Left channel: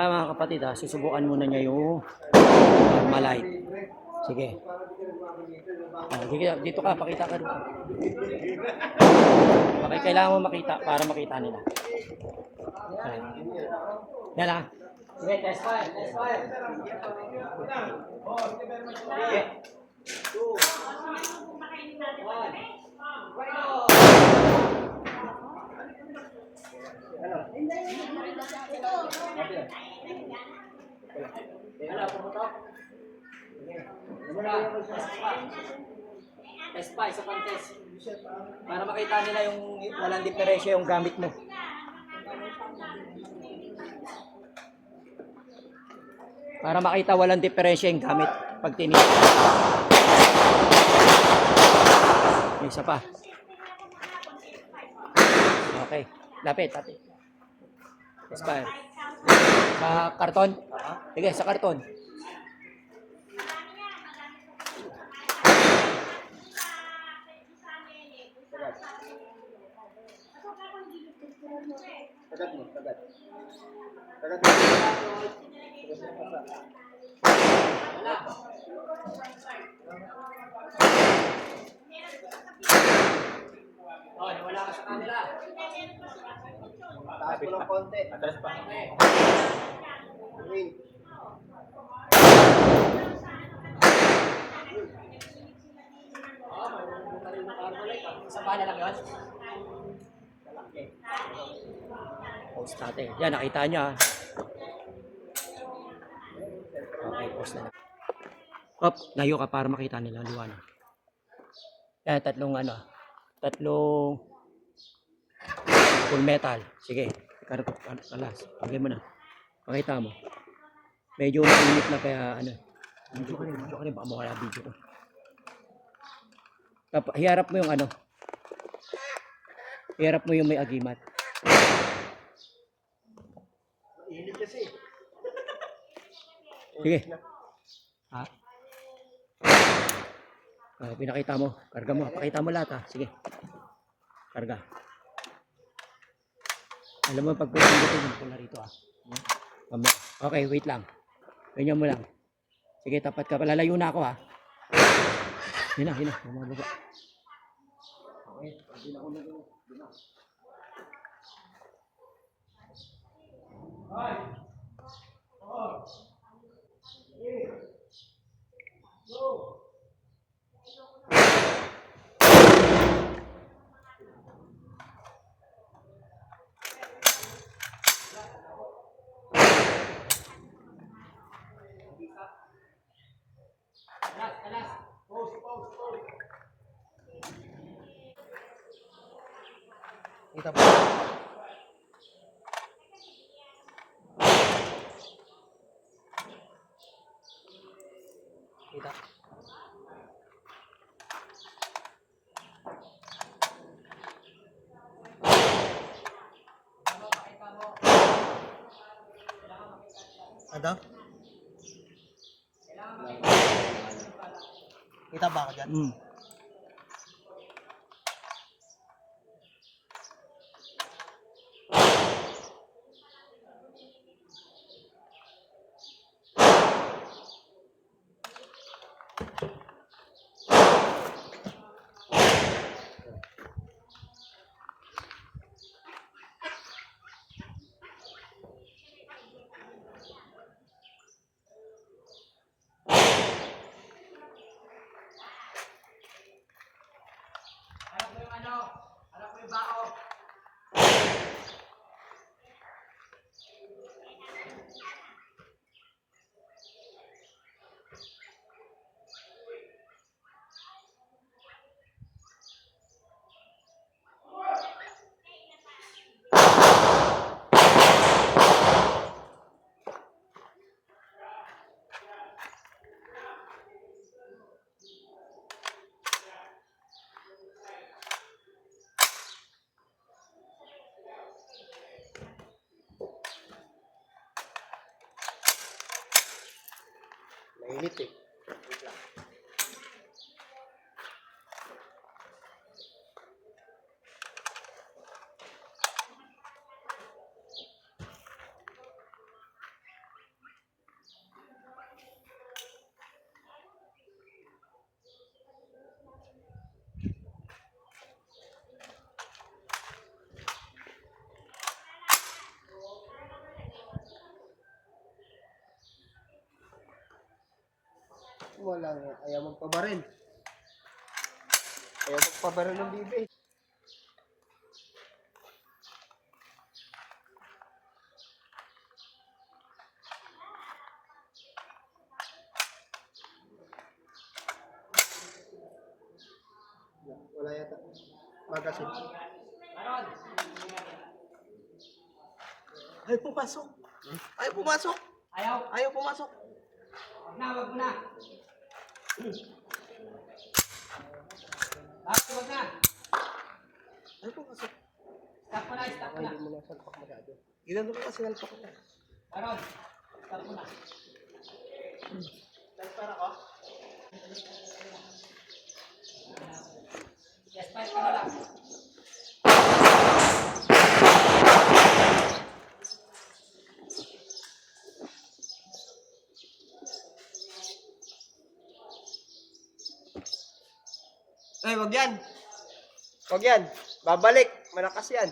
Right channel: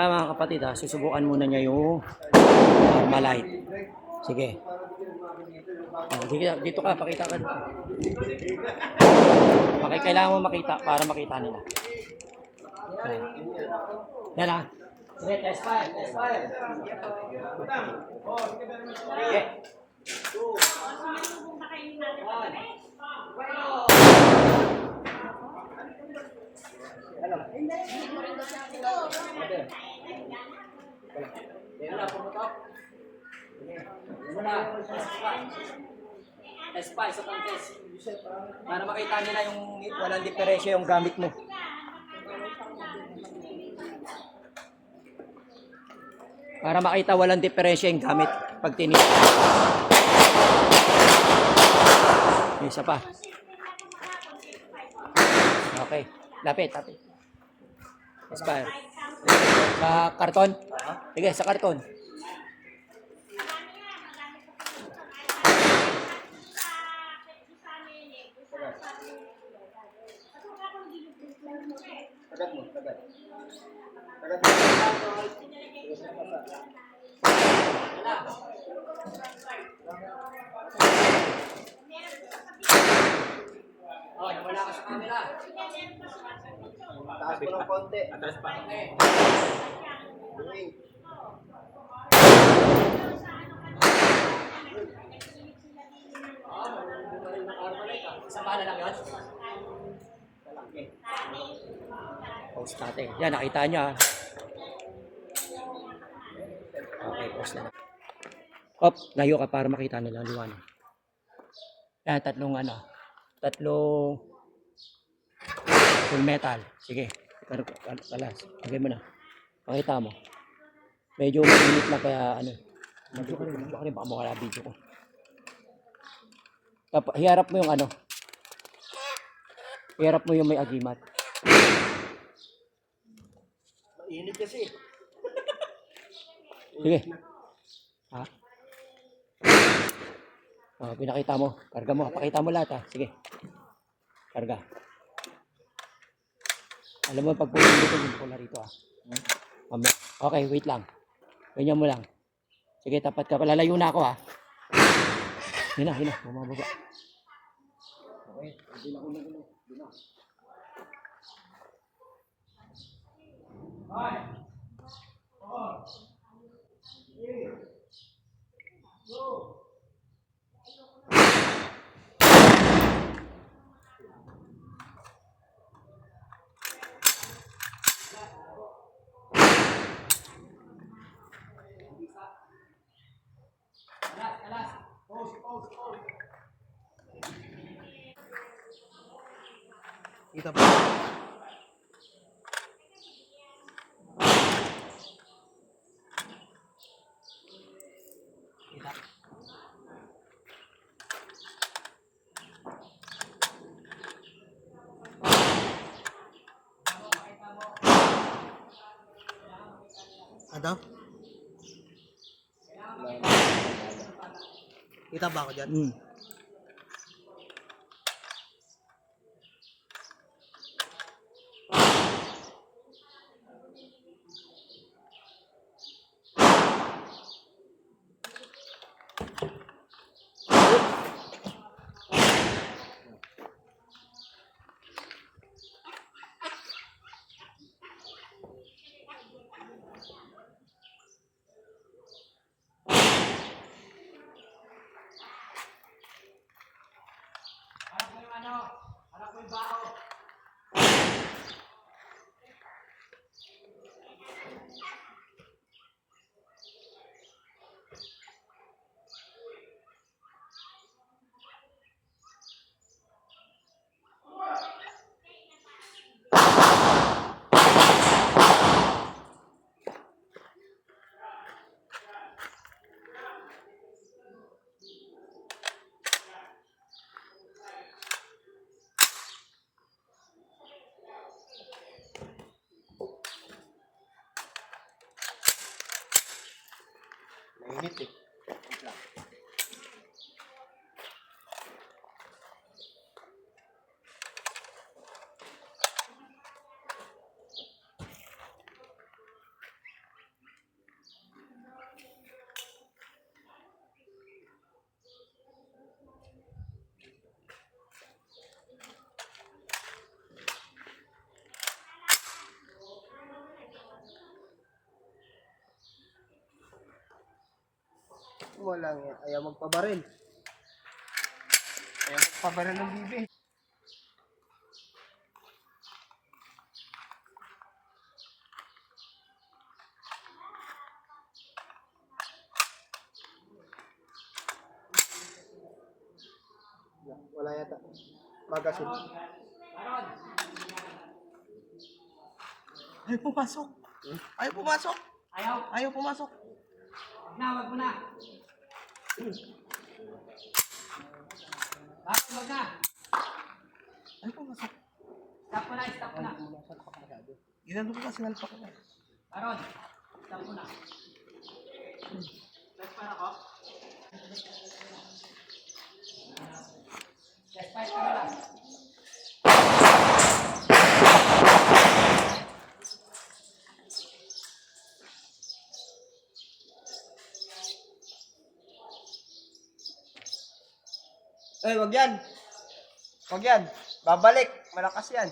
Mga kapatid susubukan muna niya yung Armalite. Sige. Dito ka, pakita ka dito. Kailangan mo makita para makita nila. Ayan. Yan Sige, test fire. Sige. 2, 1. Pumutok. Test pa, isa pang test. Para makita nila yung walang diferensya yung gamit mo. Para makita walang diferensya yung gamit pag tinignan. May isa pa. Okay. Lapit. Expire. Sa karton? Sige, sa karton. Wala ka sa camera. Taas ko ng konti. Atras pa. Isang bala lang yun? Post natin. Yan, nakita nyo Okay, post na. Layo ka para makita nila liwanag. Yan, tatlong full metal. Sige, kalas. Pagay mo na. Pakita mo. Medyo mainit na kaya Medyo ka rin, baka mawala video ko. Hiharap mo yung Hiharap mo yung may agimat. Mainit kasi. Sige. Pinakita mo. Karga mo. Pakita mo lahat Sige. Karga. Alam mo pag pumindot yung pula rito Okay, wait lang. Ganyan mo lang. Sige, tapat ka. Palalayo na ako Hina. Bumababa. Okay. Hindi na. Hi. Go. Alas. Pause. Kita ba? Kita. Ano? Kita ba ako dyan? Harap mo yung bao. Mainit Wait lang. mo lang, ayaw magpabaril. Ayaw magpabaril ng bibi. Wala yata. Magasin. Ay, pumasok. Ayaw pumasok. Ayaw. Ayaw pumasok. Wag na, wag mo na. Bakit wag na? Ayaw pumasok. Stop mo na, stop mo na. Hindi mo na salpak magado. Ginano ko kasi nalpak na. Aaron, stop mo na. Transfer ako. Transfer ka na lang. Ay, wag yan. Wag yan. Babalik. Malakas yan.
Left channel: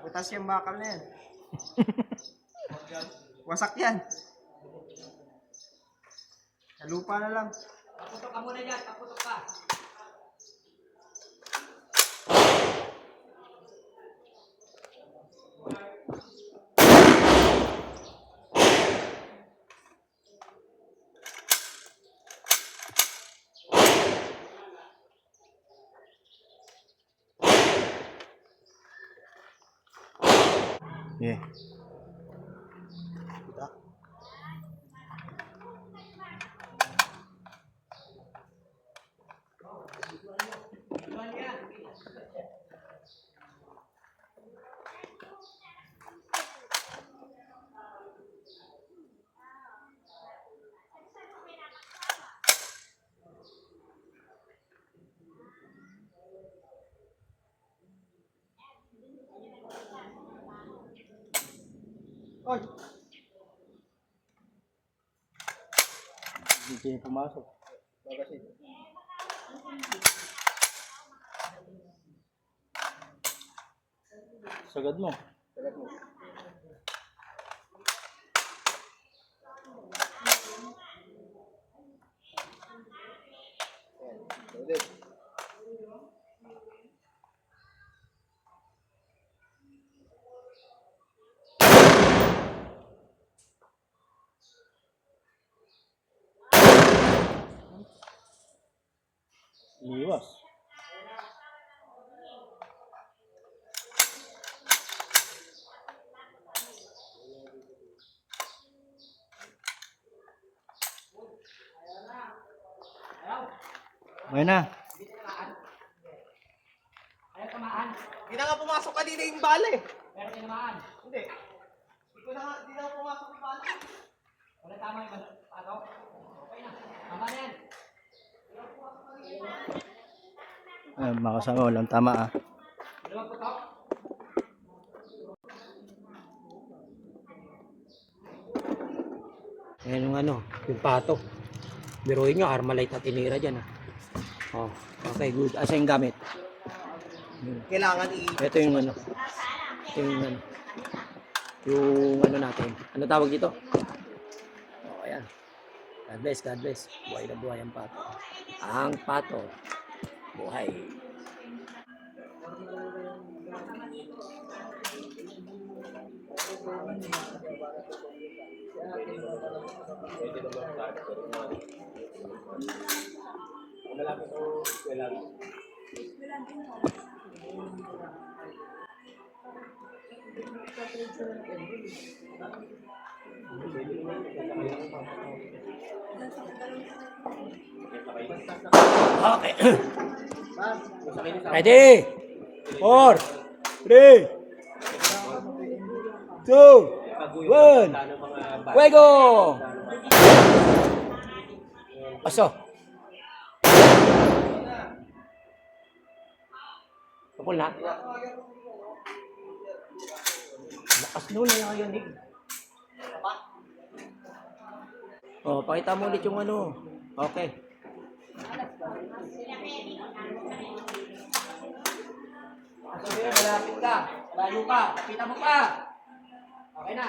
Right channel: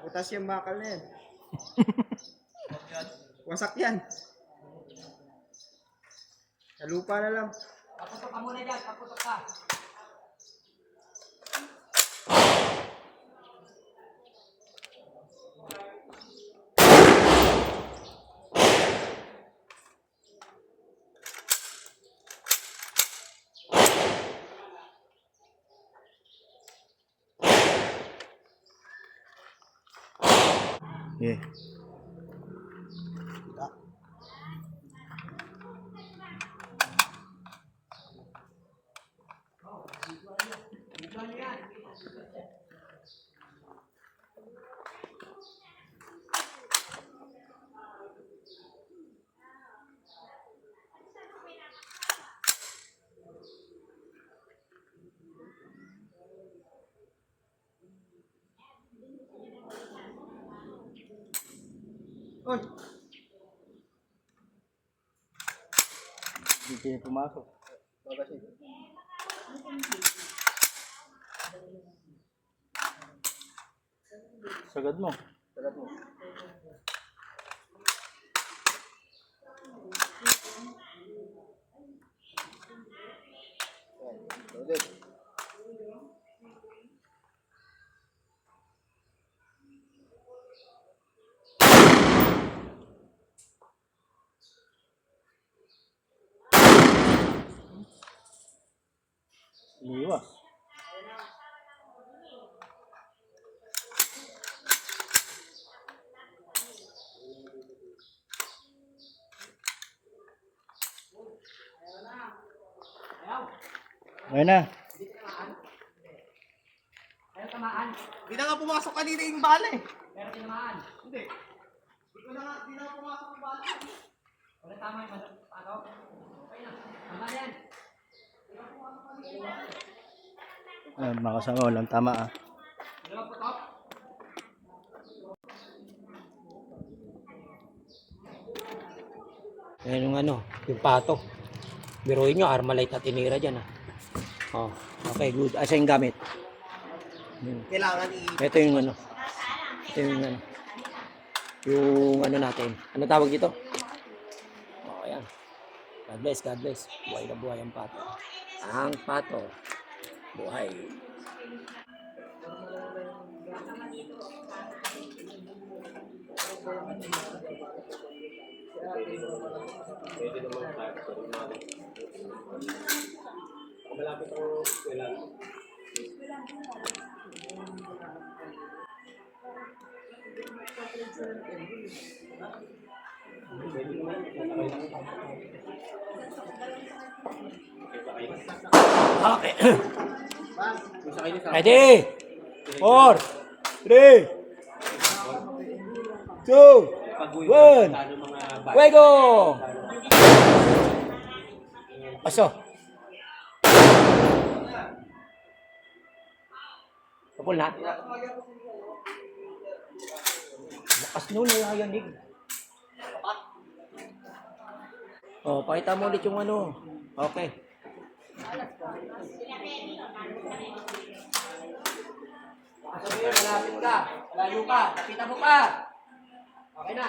Butas yung bakal na yan. Wasak yan. Sa lupa na lang. Paputok ka muna dyan, paputok ka. Yeah. Oy. Hindi kayo pumasok. Bagasin. Sagad mo. Sagad mo. Ayan, loaded. Iwas. Ayun na. Ayaw tamaan. Di na nga pumasok kanina yung bala eh. Pero tinamaan. Hindi. Di na pumasok yung bala. Wala tama yung ano? Okay na. Tama na yan. Mga kasama, walang tama ah. Hindi magputok. Ayan yung ano, yung pato. Biruin nyo, Armalite na tinira dyan ah. Oh, okay, good. Asa yung gamit? Kailangan Ito yung ano. Ito yung ano. Yung ano natin. Ano tawag dito? Oh, ayan. God bless, God bless. Buhay na buhay ang pato. Ang pato. Buhay. Okay. Ready? 4, 3, 2, 1. Fuego! Paso. Kapul na. Lakas nun, nakayanig. Oh, pakita mo ulit yung ano. Okay. Sige, malapit ka. Layo ka. Kapitan mo pa. Okay na.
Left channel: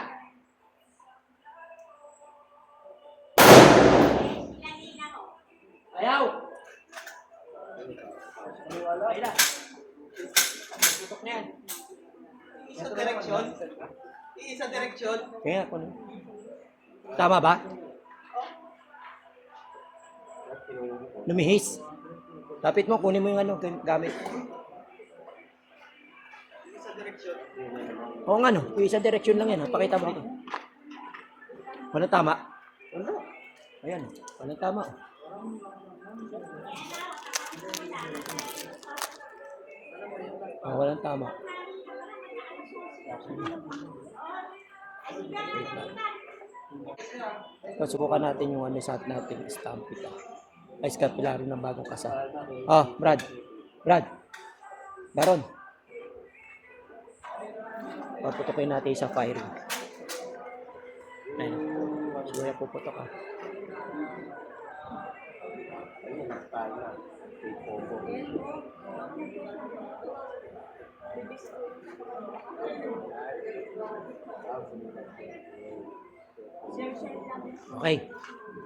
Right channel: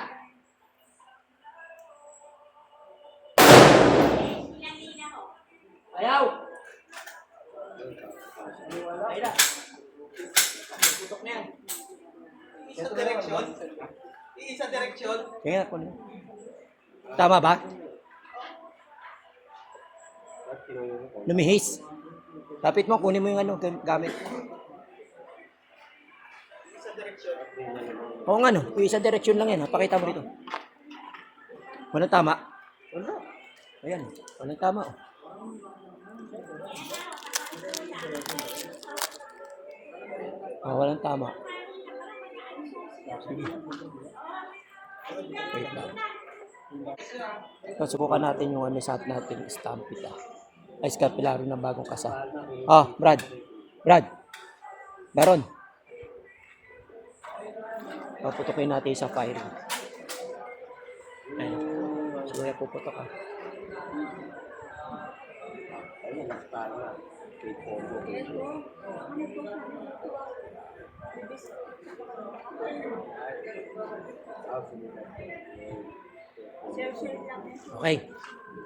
Ayaw! Ay na. Putok na yan. Isang direksyon. Isang direksyon. Kaya ako na. Tama ba? Lumihis. Lapit mo, kunin mo yung ano, gamit. Isang direksyon. Oo nga no, yung isang direksyon lang yan. Ha? Pakita mo dito. Walang tama. Wala. Ayan, walang tama. Walang tama. Sige. Wait lang. So, subukan natin yung ano sa natin, stampita. Ay, scapularo ng bagong kasa. Brad. Meron. Paputokin natin sa firing. Ayun. Siguro puputok ka. Okay.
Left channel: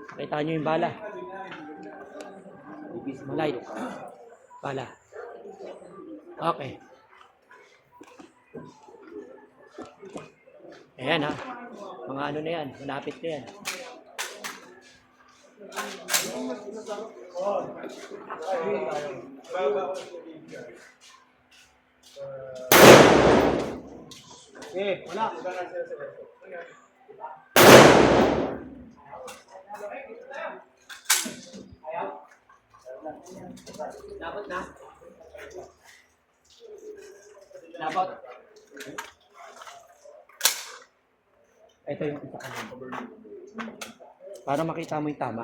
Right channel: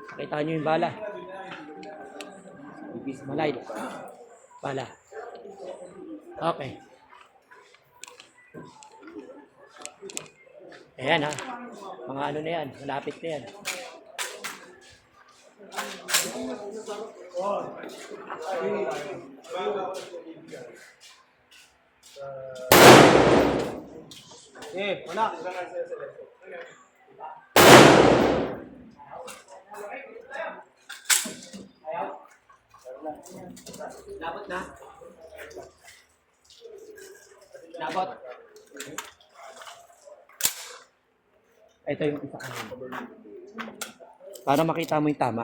Pakita nyo yung bala. Malay. Bala. Okay. Ayan ha. Mga ano na yan. Malapit na yan. Wala. Labot na. Labot. Ito yung isa kanan. Para makita mo yung tama.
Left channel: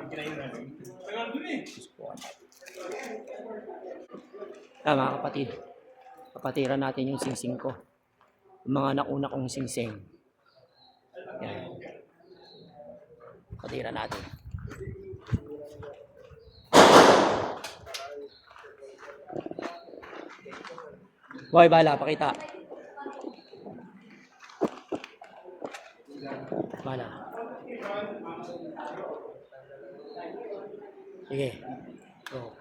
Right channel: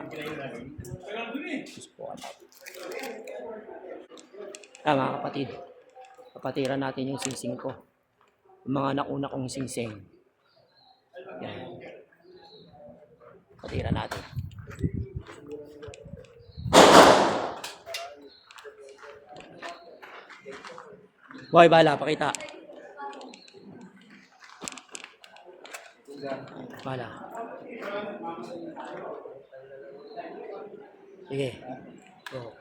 Mga kapatid. Kapatiran natin yung singsing ko. Yung mga nakuna kong singsing. Yan. Kapatiran natin. Boy, bala, pakita. Bala. Sige. Go.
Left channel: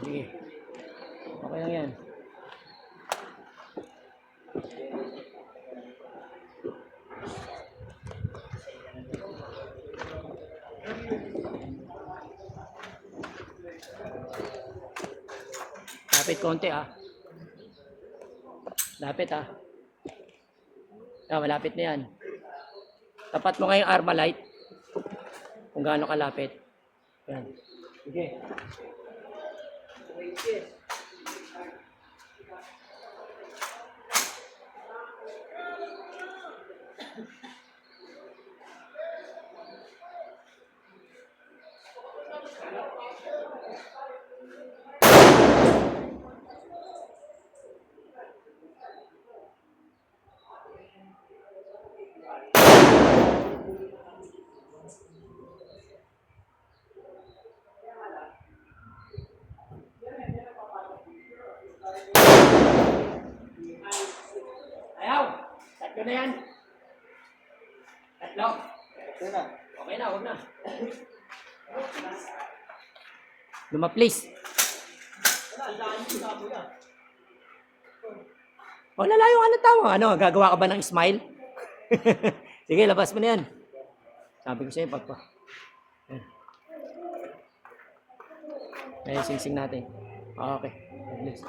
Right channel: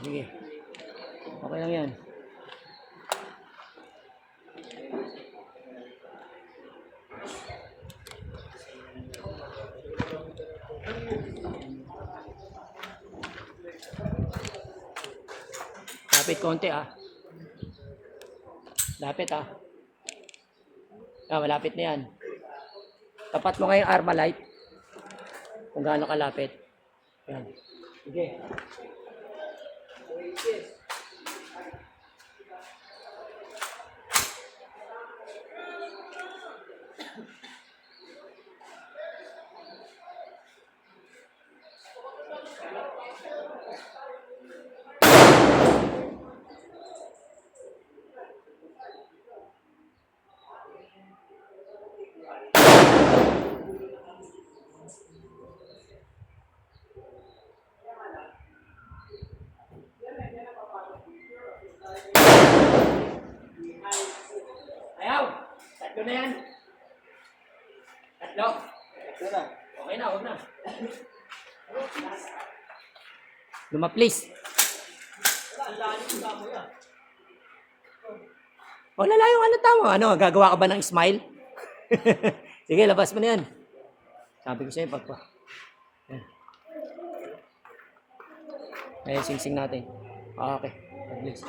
Sige. Okay lang yan. Lapit konti Lapit malapit na yan. Tapat mo ngayong Armalite. Kung gaano kalapit. Yan. Sige. Ayaw! Tatlo na yan. Tatlo. Okay na, huwag na. Luma, please. Lalayo yung ano tama. Ano, gagawa ka ba ng smile? Sige, labas mo na yan. Sabi ko sa'yo, pagpa. Yan. Ay, sing-sing natin. Okay. God bless.